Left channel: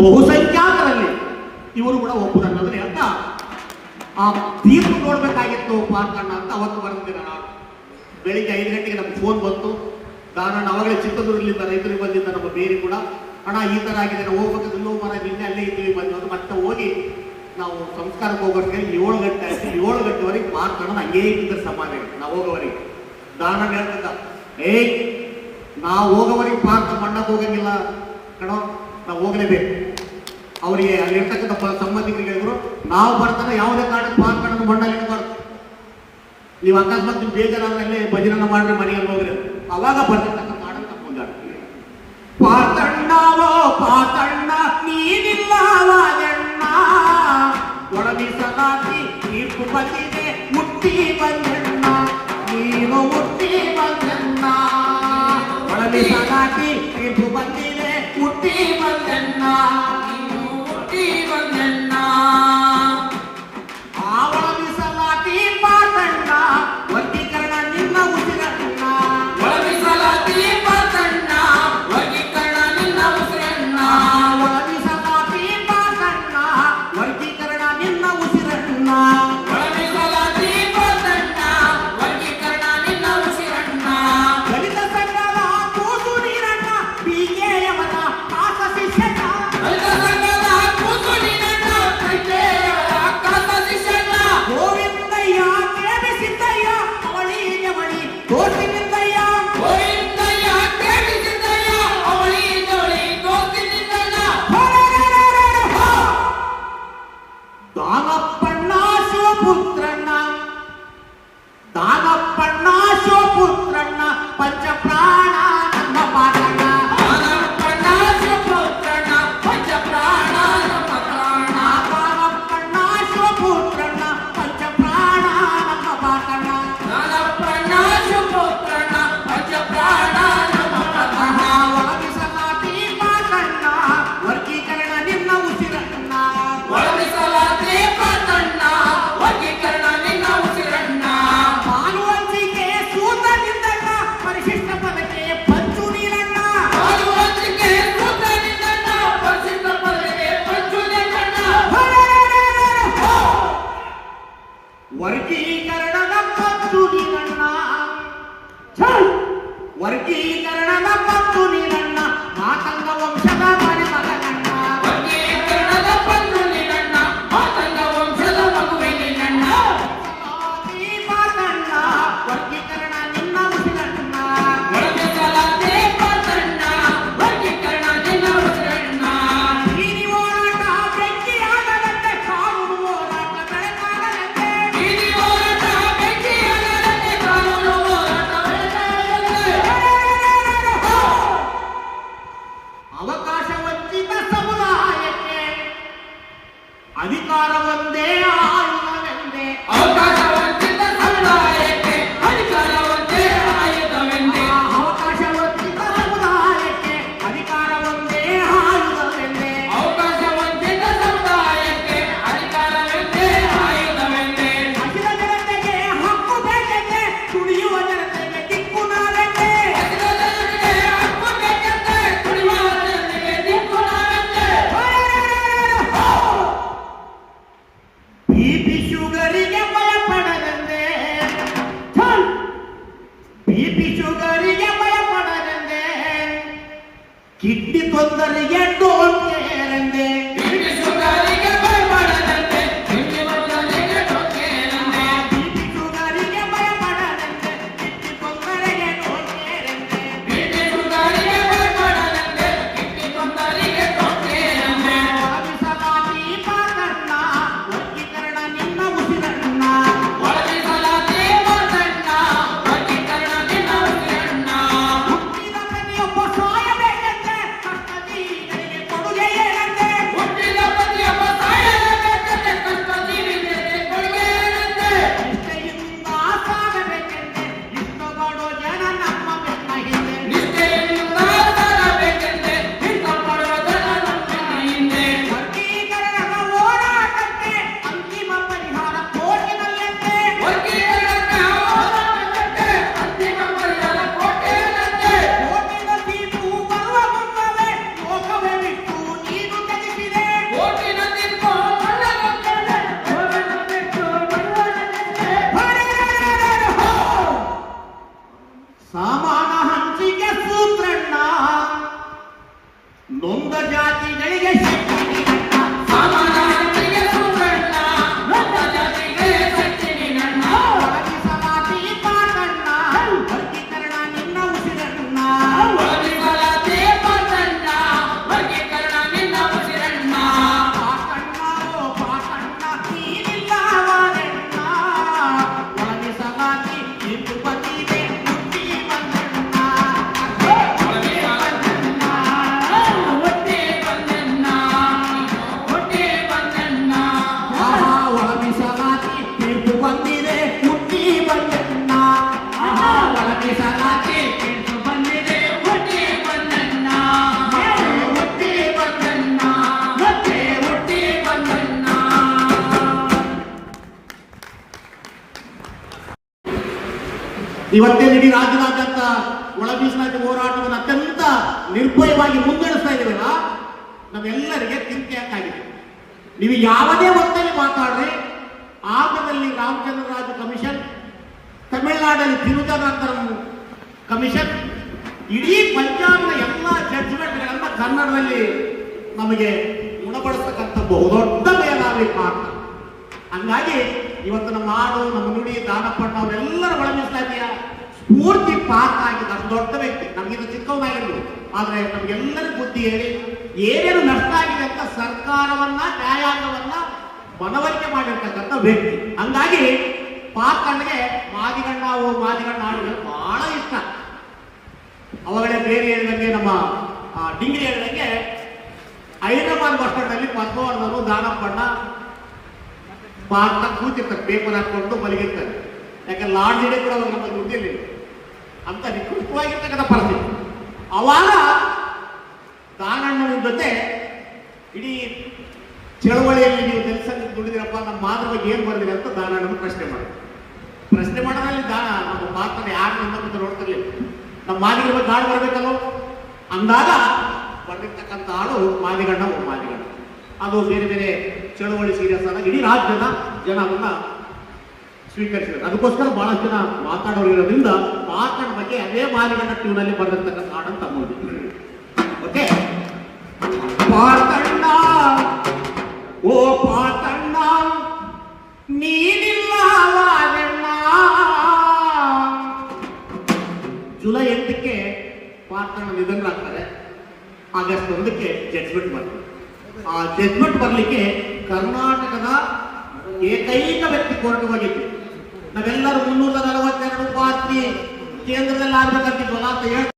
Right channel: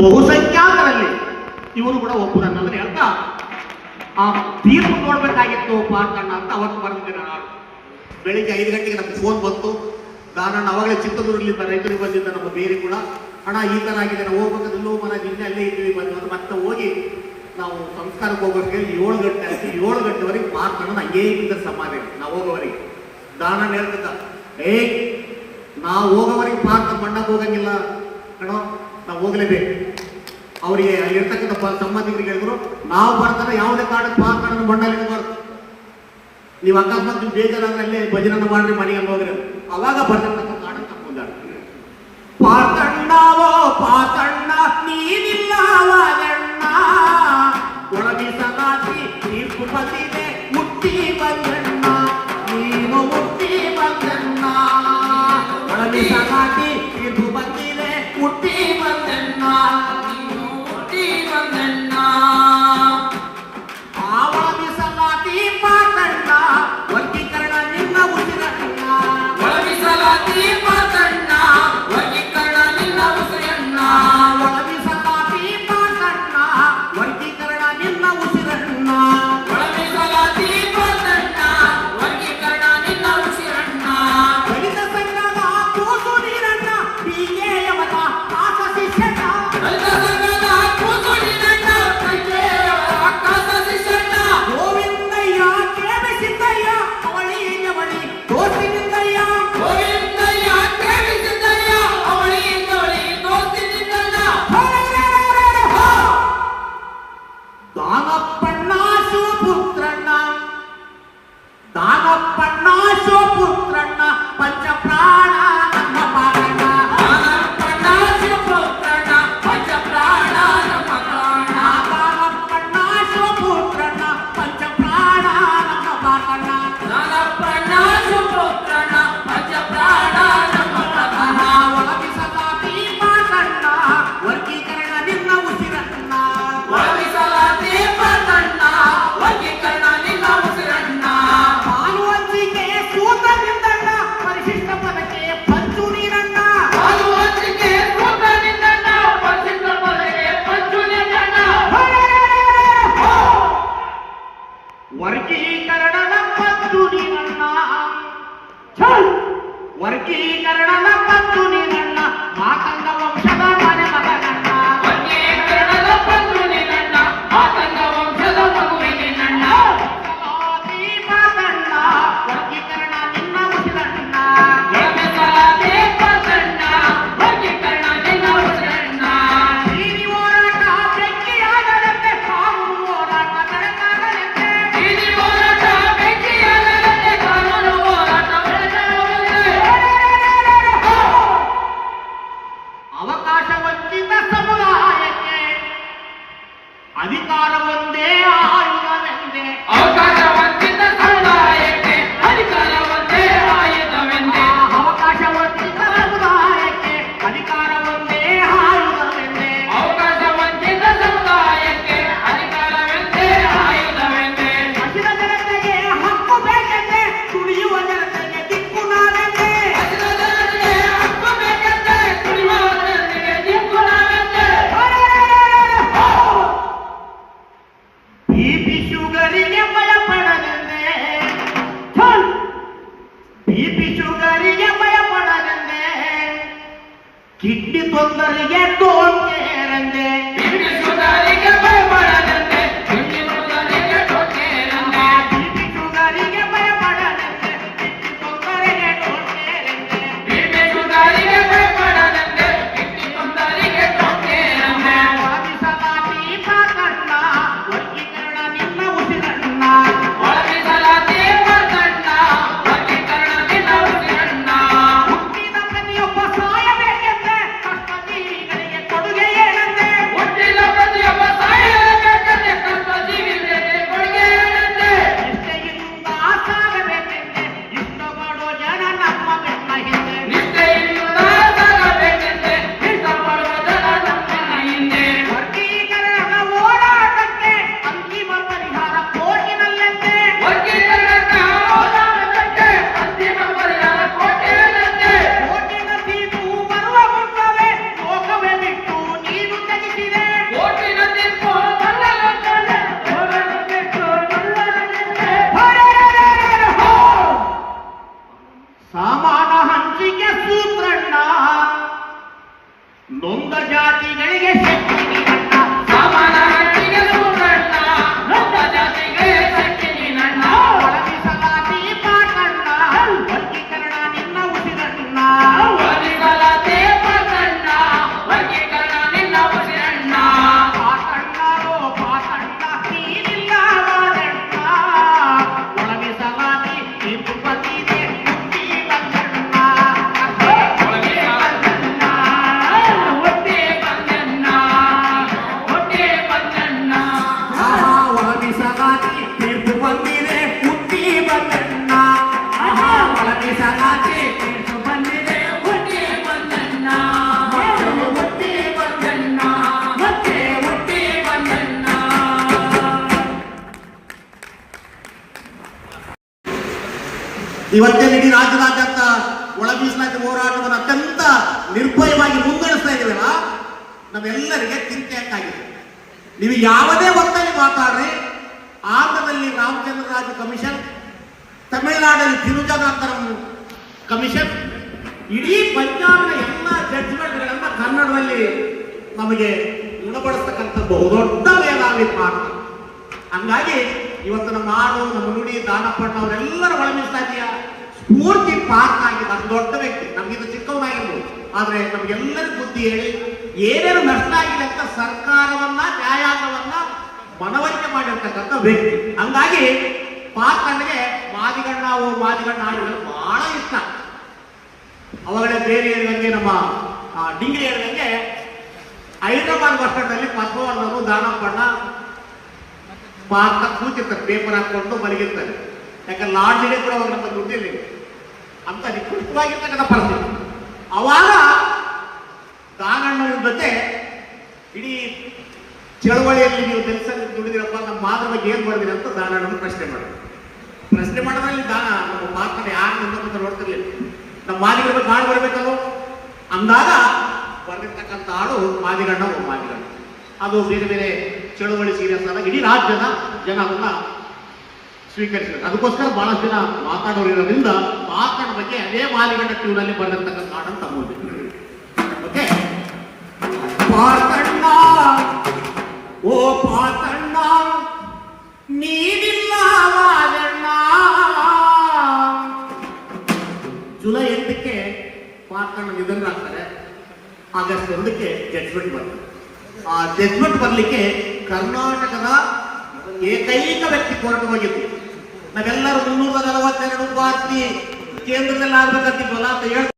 ಬಹುಸಂಖ್ಯಾತರಲ್ಲಿ ಇವರು ಕೂಡ ಒಬ್ಬರು ಅಂತ ಇವ್ರು ಆ ತೀರ್ಪು ನೋಡ್ಬೇಕಾಗಿತ್ತು ಪಾರ್ಥಣ್ಣ ಅಂತ ಅವತ್ತು ಬರ್ತಿದ್ದೆ ನಾನು ಬೆಳಿಗ್ಗೆ ಐದು ಗಂಟೆಗೆ ನಮ್ಗೆ ಫೋನ್ ಬಂತು. ನಾನು ಅವಾಗಲೇ ಚಿತ್ರದುರ್ಗಲಿಂದ ರೈತರಿಗೆ ಬಂದಿದ್ದ ನಮ್ಮ ಬೇರೆ ಕೂಡ. ಹಣ ಈ ಥರ ಆಗಿದೆ, ನಾವು ಹೋಗ್ಬೇಕು, ಇಲ್ಲೋ ಮರ, ನಿನ್ನೆ ಅಲ್ಲೇ ಇದ್ದೀವಿ, ಬಂದು ಮತ್ತೆ ಹೋಗಿ ನಾವು ಸಂಸ್ಕಾರಕ್ಕೆ ಹೋಗೋರಿಗೆ ಏಳು ಗಂಟೆ ಆಯ್ತು ಏಳು ಗಂಟೆವರೆಗೆ ಪಾರ್ಥಣ್ಣ ಹಂಗೇ ಇದ್ದರೆ ಸಮಾನ ನಾವು ಹೋಗೋವರಿಗೆ. ದಾನಣ್ಣ ಹೇಳ್ತಿದ್ದ ಏಯ್, ನಾವು ಹೋಗೋವರಿಗೆ ಪಾರ್ಕ್ ಮಣ್ಣಕ್ಕೆ ಹೋಗಂಗಿಲ್ಲ. ಕಣೋ, ನಾವು ಹೋಗ್ಲೇಬೇಕು. ಅವರಿಗೆ ಅಲ್ಲಿರ್ತಕ್ಕಂಥ ಸಂಬಂಧಿಕರಿಗೆ ಹೇಳಿದ್ರು ನಾವು ಬರ್ತಾರೆ ಯಾವುದೇ ಕಾರಣಕ್ಕೆ ಪಾರ್ಕೊಂಡು ಮಂಡಳಿ ನೀವು ಅಕಸ್ಮಾತ್ ನೀವು ಬೇಜಾರಾದ್ರಲ್ಲಿ ಭಜನನ ಮಾಡಿ ಮನೆಗೆ ಹೋಗ್ರಿ ಅವಾಗ ಬರ್ತಾರೆ. താങ്ങാ వర్గీకరణ వర్గీకరణ ಇವತ್ತೇ ಇಡೀ ರಾಜ್ಯದಾದ್ಯಂತ ಒಳ ಹೋರಾಟವನ್ನು ಅತ್ಯಂತ ನಿರ್ಭಯವಾಗಿ ಮುನ್ನಡೆಸ್ತಾ ಇದ್ದೀವಲ್ಲ ನಮ್ಮೆಲ್ಲರಿಗೆ ಚಿಂತೆಯಾಗಿದೆ ನೀವು ಯಾವುದೇ ಒತ್ತಲ್ಲಿ ಮಾತಾಡ್ರಿ ಆಗದಲ್ಲಿ ರಾಮಚಂದ್ರ ರಾಜು ಕಮಿಷನ್ ತಮಿಳುನಾಡಲ್ಲಿ ತಿರುಜಾನಂತರಂ ಕಮಿಷನ್, ಇಡೀ ಪಂಜಾಬ್ನ ಎಲ್ಲ ಜಡ್ಜ್ಮೆಂಟ್ಗಳನ್ನ ಕನ್ನಡದಲ್ಲಿ ನಮಗೆ ಗುಣಪಡಿಸ್ತಕ್ಕಂಥ ಬಹುದೊಡ್ಡ ಮೇಧಾವಿ ಹಂಗಾಗಿ ಇವತ್ತು ನಮ್ಮ ನಾಡು, ನಮ್ಮ ನುಡಿ ಅವರೆಲ್ಲರೂ ಅವರೆಲ್ಲರ ಒಳಮಿಸ್ತಾದೆಯ ಸ್ಫೂರ್ತಿ ಪಾತ್ರ ಆಗಿದೆ ಅದು ದೊಡ್ಡ ವ್ಯಕ್ತಿ. ನಮಗಿಂತ ಚಿಕ್ಕವನಾಗಿರ್ಬೋದು ಆದ್ರೆ ನಮಗೆಲ್ಲರಿಗೂ ಬುದ್ಧಿ ಹೇಳಿ, ಏನೇನು ನಷ್ಟ ಆಗಿದೆ ಅಂತ ಸರ್ಕಾರವನ್ನ ನ್ಯಾಯಾಂಗವನ್ನ ಮನವರಿಕೆ ಮಾಡಿರ್ತಕ್ಕಂಥ ವ್ಯಕ್ತಿ. ಹಂಗಾಗಿ ಪಾತ್ರನಿಗೆ ಮಾದಿಗಣ್ಣ, ಓ ಮಾದಿಗಣ್ಣ ಹಾಡುಗಳು ಬಹಳ ಇಷ್ಟ. ಅವಾಗಲೇ ಬೇರೆ ಹೇಳಿದಂಗೆ ನಮ್ಮ ಡಿಂಗ್ರಿ ಹೇಳಿದಂಗೆ ಹೈದರಾಬಾದ್ ಬಸ್ ಸ್ಟ್ಯಾಂಡ್ ಅಲ್ಲಿ ಪದ್ಮವರ್ಧನು ದಾನಪ್ಪಣ್ಣ ಪಾರ್ಕ್ ಕೂತಿರ್ತಾರೆ ಪೇಪರ್ ಹಾಕೊಂಡು ಮಲಗಿರ್ತಾರೆ. ಯಾಕಂದ್ರೆ ಲಾಡ್ಜ್ ಇಡೇ ಕೂಡ ನಮ್ಗೆ ದುಡ್ಡಿಲ್ಲ ಅಂತ ನಿಕೃಷ್ಟವಾಗಿರ್ತಕ್ಕಂಥ ಪರಿಸ್ಥಿತಿ. ಅವಾಗ ದಾನಣ್ಣನ ಜೊತೆ ಇಡೀ ಚಳವಳಿಯಲ್ಲಿ ನೀವು ಕೆಲಸದಲ್ಲಿ ದುಡಿದಿರಪ್ಪ, ನಮ್ಮ ಮಾತ್ರ ಬಗ್ಗೆ ಏನ್ ಮಾಡಿದಿರ ಅಂತ ದಾನಣ್ಣನ ಪ್ರಶ್ನೆ ಮಾಡಿ ಪ್ರಶ್ನೆ ಮಾಡೋದ್ರಲ್ಲಿ ದಾನ ನಮ್ಮ ಪಾತ್ರ ಯಾರು ಅಂತ ನೋಡ್ತಿರ್ಲಿಲ್ಲ ನಮ್ಮ ಮಾದಿಗಳ ಬಗ್ಗೆ ಹಾಡು ಬರ್ಬೇಕಲ್ಲೋ ಅಂದಾಗ ಬರ್ದಿರ್ತಕ್ಕಂಥ ಹಾಡು ಮಾದಿಗಣ್ಣ ಒಂದು ಮಾದಿಗಣ್ಣ. ಅದು ಬೇರೆ ಬೇರೆ ಚಳುವಳಿ ಸೀರಿಯಸ್ ಆದಾಗ ಇಡೀ ರಾಜ್ಯದ ಜನ ಅದನ್ನ ಸ್ವೀಕರಿಸಿದ್ರು. ಅದಕ್ಕೋಸ್ಕರ ಬಹಳಷ್ಟು ಜನ ಮಾತಾಡೋರು ಇರೋದ್ರಿಂದ ಮಾತಾಡ ಬಗ್ಗೆ ಅದೇ ಮಾದಿಗಣ್ಣ ಟ್ಯೂನಲ್ಲಿ ಬಂದಿರ್ತಕ್ಕಂಥ ಹಾಡನ್ನು ತಗೊಂಡಿದ್ದೀವಿ ಓಕೆ ಪಾತಣ್ಣ, ಓ ಪಾತಣ್ಣ ನೀನಿಲ್ಲ ಪಾತಣ್ಣ ನಿಧನರಾಗ್ತಾರೆ ಆಗಸ್ಟ್ ಒಂದಕ್ಕೆ ಜಡ್ಜ್ಮೆಂಟ್ ಬರ್ತದೆ ಆ ಜಜ್ಮೆಂಟ್ ಬರಲಿಕ್ಕೆ ಕರ್ನಾಟಕದ ಏಕೈಕ ವ್ಯಕ್ತಿ ಕೋರ್ಟ್ ನಾವೆಲ್ಲರೂ ಮುನ್ನೂರ ನಲವತ್ತೆರಡು ಪಾರ್ಟಿ ಕೇಂದ್ರದಲ್ಲಿ ಆಗ್ಬೇಕಂತಿದ್ವಲ್ಲ ಅಂತ ಹೇಳಿ